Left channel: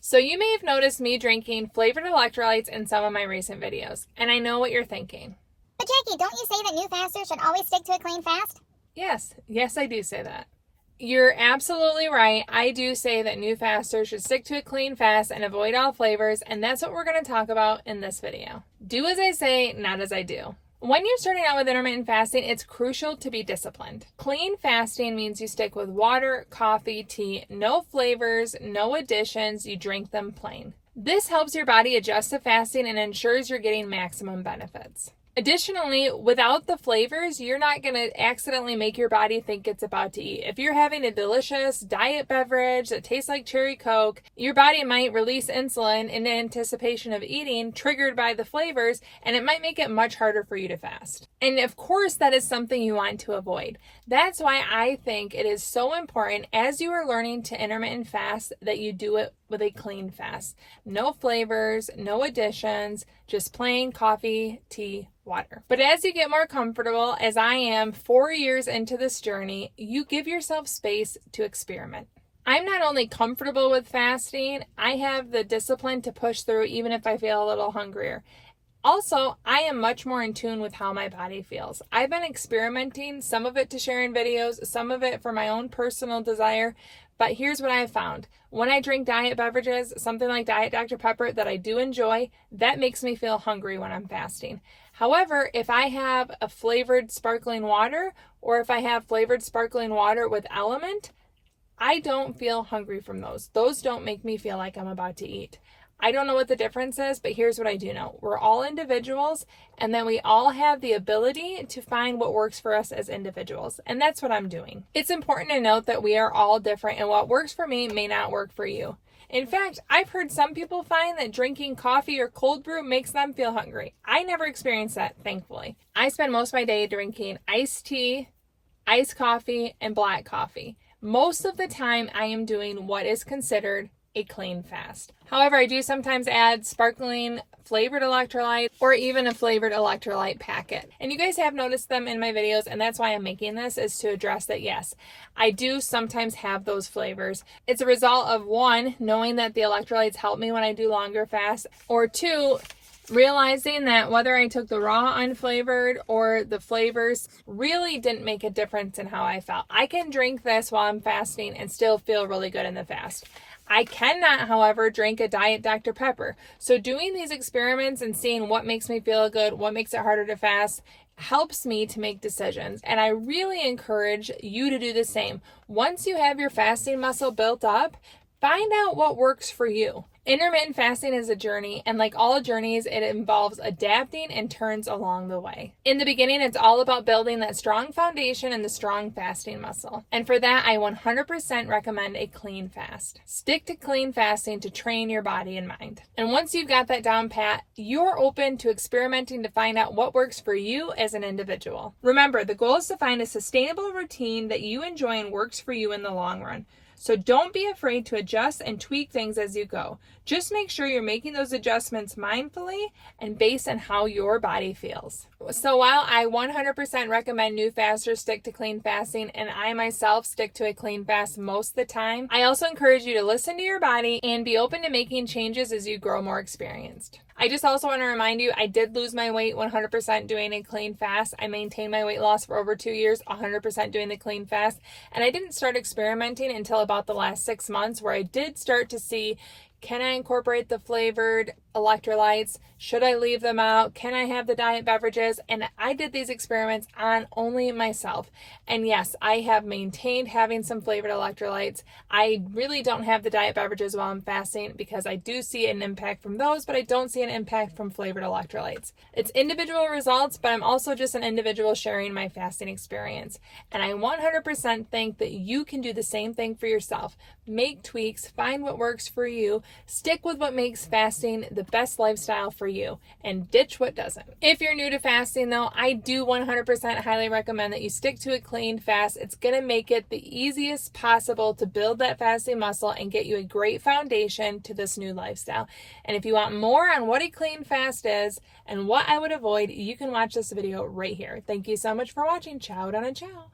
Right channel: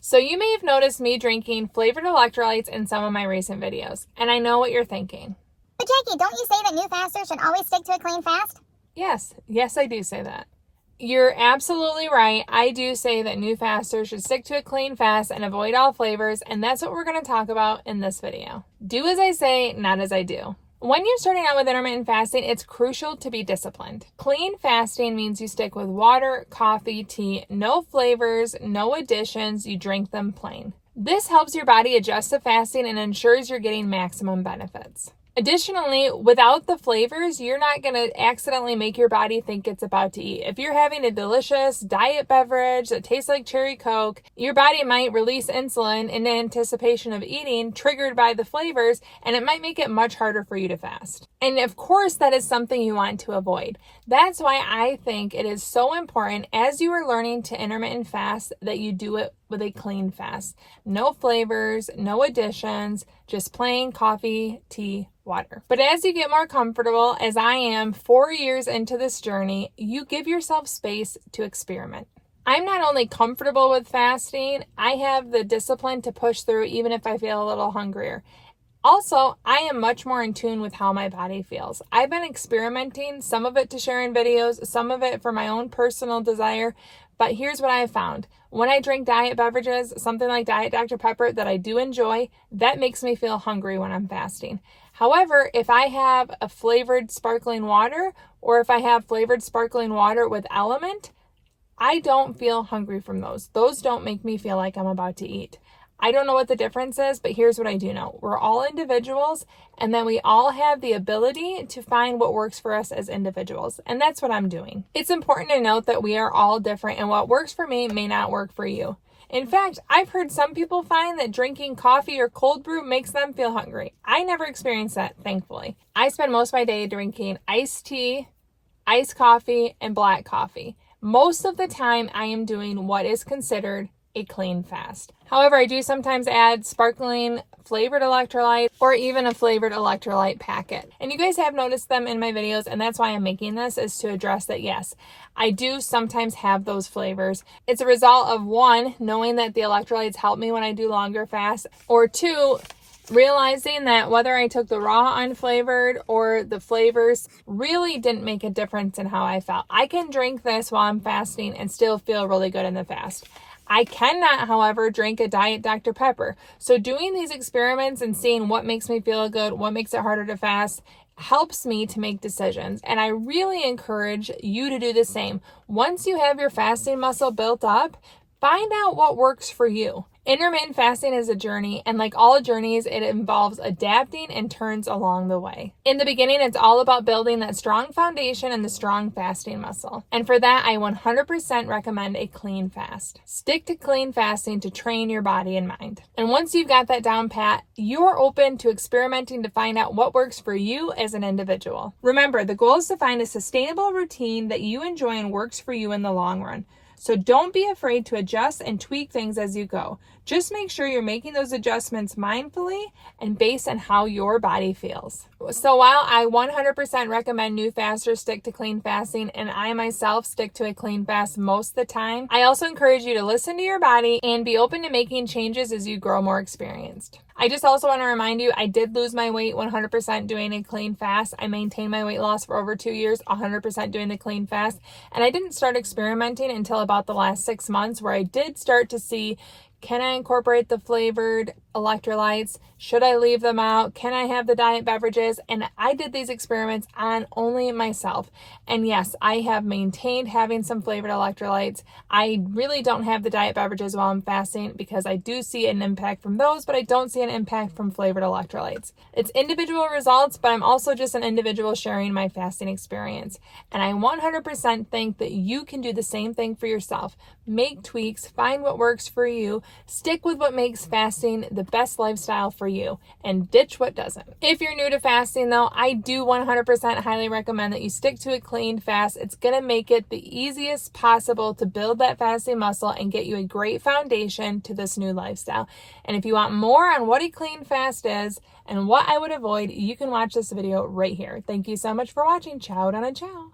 So you may have noticed me drinking flavored electrolytes in some of my recent videos, and I know what you're thinking. But Jackie, don't you say that new fasters should always stick to a clean fast? Yes, I do say that. You're absolutely right. I do say that new fasters should stick to a clean fast and avoid all flavors, and that's what we're going to talk about in this video. Do as I say, not as I do. When you're starting out with intermittent fasting, it's crucial to be disciplined. Clean fasting means you stick with water, coffee, tea, no flavors, no additions, you drink them plain. This helps your body adjust to fasting and ensures you're getting maximum benefits. Additionally, without the flavors, you're not going to accidentally make your body think it's about to eat. If you're having a delicious diet beverage that tastes like cherry Coke, your body might release insulin in anticipation of eating, triggered by the flavors, and it might make it much harder for you to fast. And of course, that is something you want to avoid. That's why I think it is so important as you are learning to intermittent fast that you do it with a clean fast. No flavors, no additions, just plain coffee, tea, water. But as you get more comfortable, as I am 4 years into this journey, you give yourself space to experiment. I'm not only comfortable with fasting, I have the discipline to push through even if I feel a little hungrier. Also, I am much more in tune with how my body feels. I've been experimenting, some of it to share in videos, some of it for my own personal desire, but here's what I have found. When I drink diet beverages, something like Diet Dr. Pepper that I do enjoy, that makes me feel hungry when I'm fasting. However, if I have a flavored sparkling water, or if I have flavored sparkling water with Element, I don't feel hungry from those. Those don't make me feel like I'm about to eat. I don't know what the difference is, but here's what I do know. We're all individuals, and then we all have the ability to find what works for us as individuals, and that's what I'm doing. It's important to note that we are all different, and what works for me may not work for you. In fact, I've heard some people find that drinking coffee or cold brew makes them feel hungry. I never experienced that, thankfully. I spend most of my day drinking iced tea, iced coffee, and black coffee. Most of the time, I am doing what is considered a clean fast. However, I do sometimes add sparkling flavored electrolyte or even a flavored electrolyte packet. And you guys have noticed them in my videos, and that's why I'm making this, is to address that, yes, I do sometimes have those flavors. It's a result of, one, knowing that the electrolytes help me when I do longer fasts, or two, realizing that whether I took the raw unflavored or the flavors really didn't make a difference in how I felt. I can drink this while I'm fasting and still feel really good in the fast. I cannot, however, drink a Diet Dr. Pepper. So doing these experiments and seeing what makes me feel good, what makes it harder to fast, helps me to make decisions. And I really encourage you to do the same. Once you have your fasting muscle built up, find out what works for you. Intermittent fasting is a journey, and like all journeys, it involves adapting and turns along the way. In the beginning, it's all about building that strong foundation and the strong fasting muscle. And for that, I 100% recommend a clean fast. Stick to clean fasting to train your body and mind. And once you've got that down pat, you're open to experimenting to find out what works for you as an individual. Remember, the goal is to find a sustainable routine that you enjoy and works for you in the long run. So don't be afraid to adjust and tweak things as you go. Just make sure you're making those adjustments mindfully and based on how your body feels. So while I 100% recommend new fasters stick to clean fasting, and I myself stick to a clean fast most of the time, I also encourage you to listen to your body and be open to making changes as you grow more experienced. I just also want to remind you, I did lose my weight 100% doing a clean fast. I maintained my weight loss for over 2 years, 100% doing the clean fast. And I didn't start experimenting until about the last 6 months, where I did start to see, can I incorporate the flavored electrolytes? Should I leave them out? Can I have the diet beverages? And I did these experiments on only myself. And yes, I have maintained having some flavored electrolytes. I really don't have the diet beverages while I'm fasting because I do see an impact from those, but I don't see an impact from flavored electrolytes. It's individual results, but I'm also just an individual sharing my fasting experience. And I 100% think that you can do the same thing for yourself. Make tweaks, find what works for you, stick with what makes fasting the best lifestyle for you, and ditch what doesn't. If you're new to fasting though, I do 100% highly recommend that you stick to a clean fast. It's gonna make it the easiest possible to build that fasting muscle and get you a great foundation to this new lifestyle. And if you want more on what a clean fast is and what I would avoid, you can watch this video right here. Thank you so much for watching. Ciao, donna ciao.